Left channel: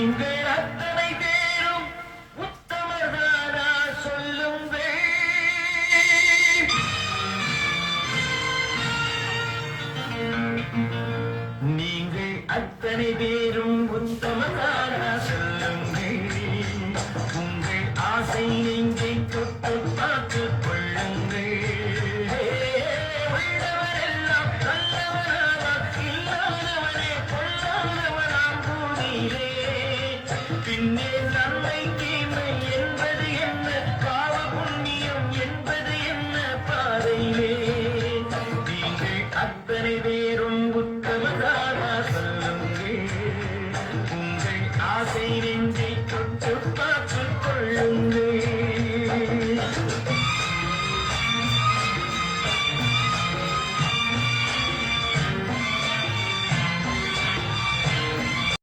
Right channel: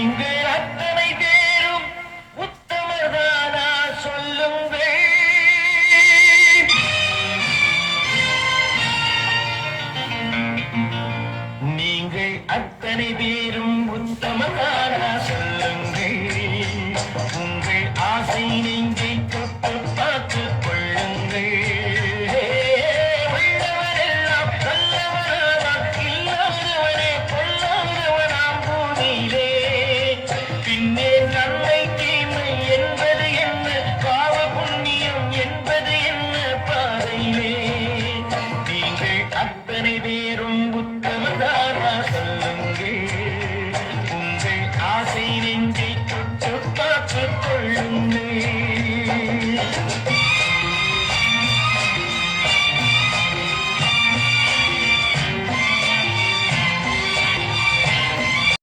நீங்கள் அத்தனை பேரும் உத்தமதானா சொல்லுங்கள். நீங்கள் அத்தனை பேரும் உத்தமதானா சொல்லுங்கள். உங்கள் ஆசை நெஞ்சை தொட்டு பார்த்துக் கொள்ளுங்கள். உள்ளவரெல்லாம் நல்லவனானால் இல்லாதவனே பொல்லாதவனாம் பூமியிலே. பின்னே நன்மை தீமை என்பது என்ன, பாவ புண்ணியம் என்பது என்ன பாதையிலே. நீங்கள் அத்தனை பேரும் உத்தமதானா சொல்லுங்கள். உங்கள் ஆசை